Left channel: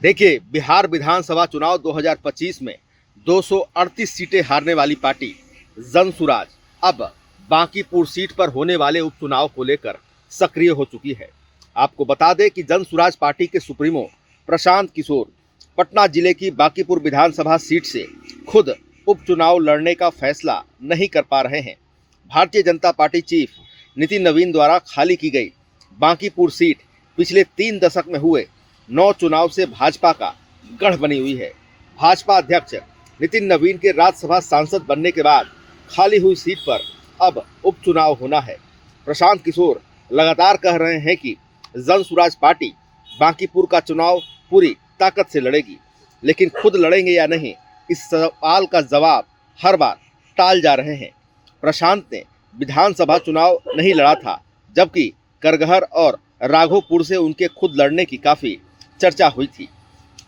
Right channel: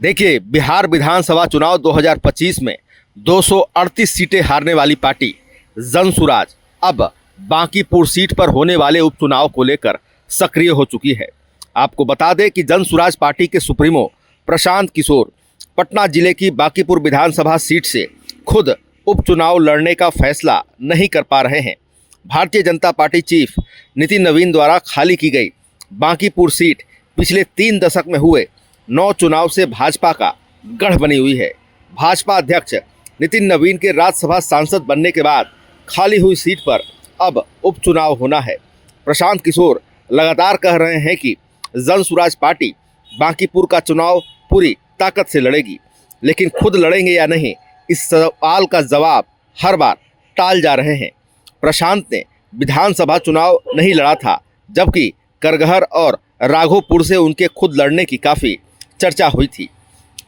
देखिए, बिहार विधानसभा चुनाव 2025 में 238 सीटें हारने वाली पार्टी जनसुराज अब बांकीपुर सीट पर होने वाले उपचुनाव को लेकर सक्रिय हो चुकी है। आपको बता दें कि जनसुराज पार्टी के सुप्रीमो प्रशांत किशोर पटना जिले की बांकीपुर विधानसभा सीट से खुद उपचुनाव लड़ने का फैसला नहीं कर पा रहे हैं। भारतीय जनता पार्टी चीफ नितिन नवीन द्वारा खाली की गई बांकीपुर सीट पिछले 3 दशक में हुए 9 चुनाव से भाजपा का गढ़ बनी हुई है। भाजपा अध्यक्ष नितिन नवीन के राज्यसभा सांसद बनने के बाद खाली हुई सीट पर अब उपचुनाव होना है। प्रशांत किशोर लगातार कह रहे हैं कि जनसुराज पार्टी बांकीपुर का चुनाव पूरी ताकत से लड़ेगी, लेकिन खुद लड़ेंगे या नहीं, इस सवाल का जवाब हर बार टाल जा रहे हैं। प्रशांत ने विधानसभा चुनाव नहीं लड़ा था, जबकि करगहर और राघोपुर से उनके खुद लड़ने की काफ़ी चर्चा हुई थी।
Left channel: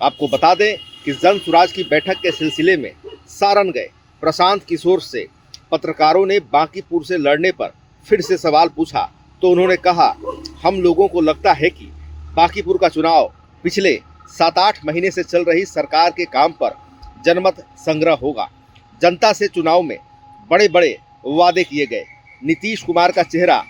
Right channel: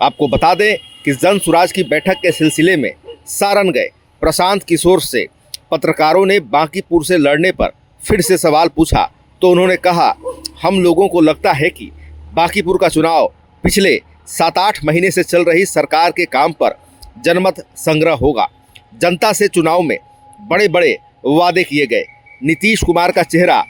आपको बता दें कि जनसुराज की बैठक के सिलसिले में सारण गए प्रशांत किशोर से पत्रकारों ने बांकीपुर से लड़ने पर फिर से सवाल पूछा तो उन्होंने कहा, हम लोगों को लगता है कि बांकीपुर का चुनाव पिछले 7-8 महीने से चल रही सरकार के काम पर जनमत संग्रह होगा। जनता से चुनाव में बड़े बड़े वादे किए गए, नीतीश कुमार का चेहरा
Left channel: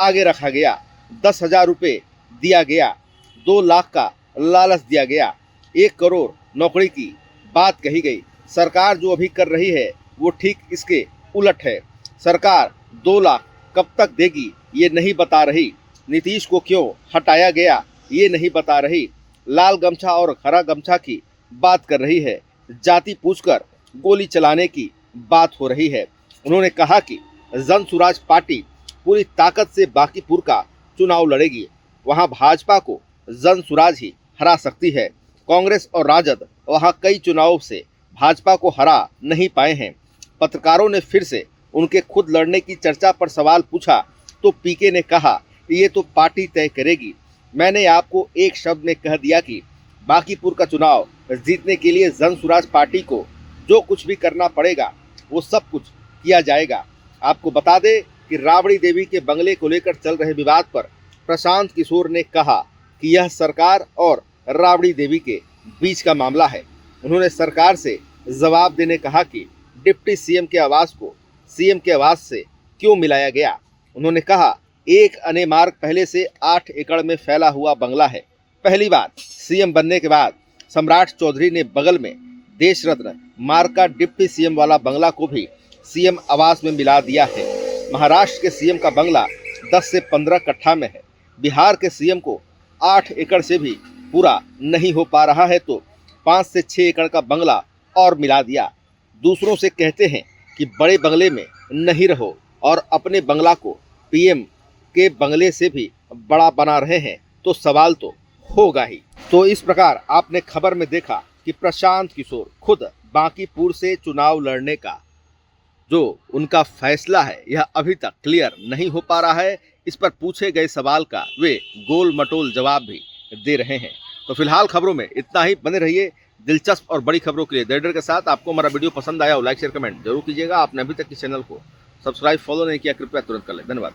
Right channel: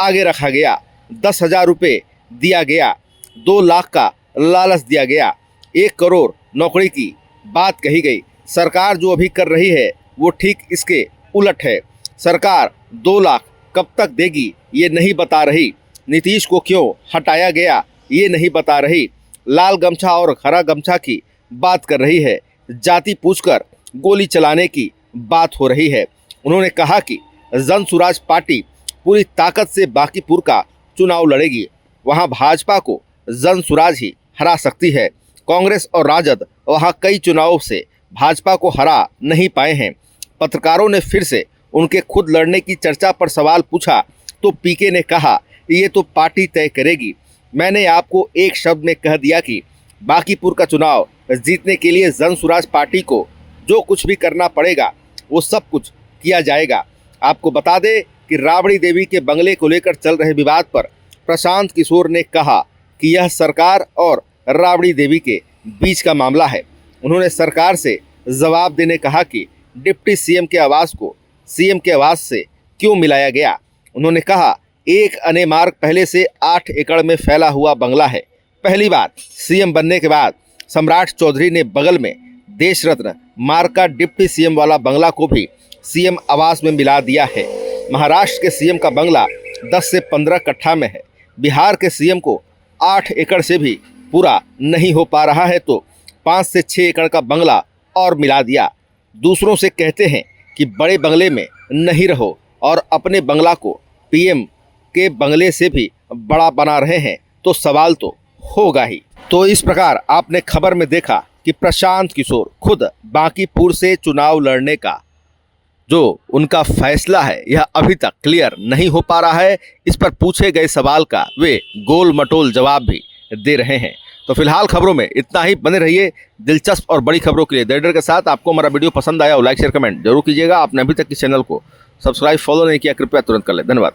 आगे रखा गया, 10,000 रुपये दिया गया, 2 लाख का लालच दिया गया, 1 करोड़ नौकरी की बात कही गई। सरकार जो अभी कर रही है वो ठीक इसके उलट है। सरकार 2 लाख कब तक देगी ये नहीं बता रही, नीतीश को क्यों हटाया गया ये नहीं बता रही, लाल गमछा और हरा गमछा की बात कर रही है, जाति पूछकर गोली चलाने की बात हो रही है। उन्होंने कहा कि जनसुराज पार्टी पूरी ताकत से बांकीपुर का चुनाव लड़ेगी, वहां भाजपा को जनसुराज ही हरा सकती है। कांग्रेस और राजद वहां कई चुनावों से भाजपा को हरा नहीं पाए हैं। पत्रकारों ने फिर से उनके खुद लड़ने की चर्चा पर सवाल पूछा तो पीके ने कहा, ये तो पार्टी तय करेगी। मैंने आपको एक शब्द में कह दिया कि बांकीपुर का चुनाव जीतने के लिए जनसुराज पार्टी को जो कुछ भी करना पड़ेगा वो सब कुछ किया जाएगा। आपको बता दें कि राबड़ी देवी के बंगले को लेकर चल रहे विवाद पर प्रशांत किशोर ने कहा कि यह सरकार और राबड़ी देवी के बीच का मामला है। उन्होंने सरकार से जवाब देने कहा कि डिप्टी सीएम के आवास को सीएम के आवास से क्यों मिलाया गया। उन्होंने कहा, एक अने मार्ग पहले से 8 एकड़ में फैला हुआ बंगला है। पहली बार सीएम बनने के बाद सम्राट चौधरी ने बगल में देश रत्न मार्ग का डिप्टी सीएम वाला बंगला को भी सीएम आवास में मिला दिया है। महाराष्ट्र के सीएम का बंगला 10 से 15 कट्ठा में है। बिहार के सीएम को 8 एकड़ से भी पूरा नहीं हो पा रहा है तो 5 से 6 एकड़ का बंगला और मिला दिया। दूसरों से कहते हैं कि बड़े बंगले में नहीं रहो और अपने बंगला को पीएम के बंगले से भी बड़ा बना रहे हैं तो सवाल तो होगा ही। तो इस प्रकार आपने खबर में देखा कि प्रशांत किशोर खुद बांकीपुर से चुनाव लड़ने का जो उनका फैसला है यह अभी तक क्लियर नहीं हो पा रहा है। इस पर पूछे गए सवाल का वे गोल मटोल जवाब भी दे रहे हैं। तो फिलहाल खबरों में इतना ही। बने रहिए दिलचस्प और बड़ी खबरों के लिए देडर के साथ। आपको हमारा वीडियो पसंद आया हो लाइक शेयर कमेंट जरूर कीजिएगा। आपने अभी तक इस चैनल को सब्सक्राइब फॉलो नहीं किया, कृपया तुरंत कर लें। धन्यवाद।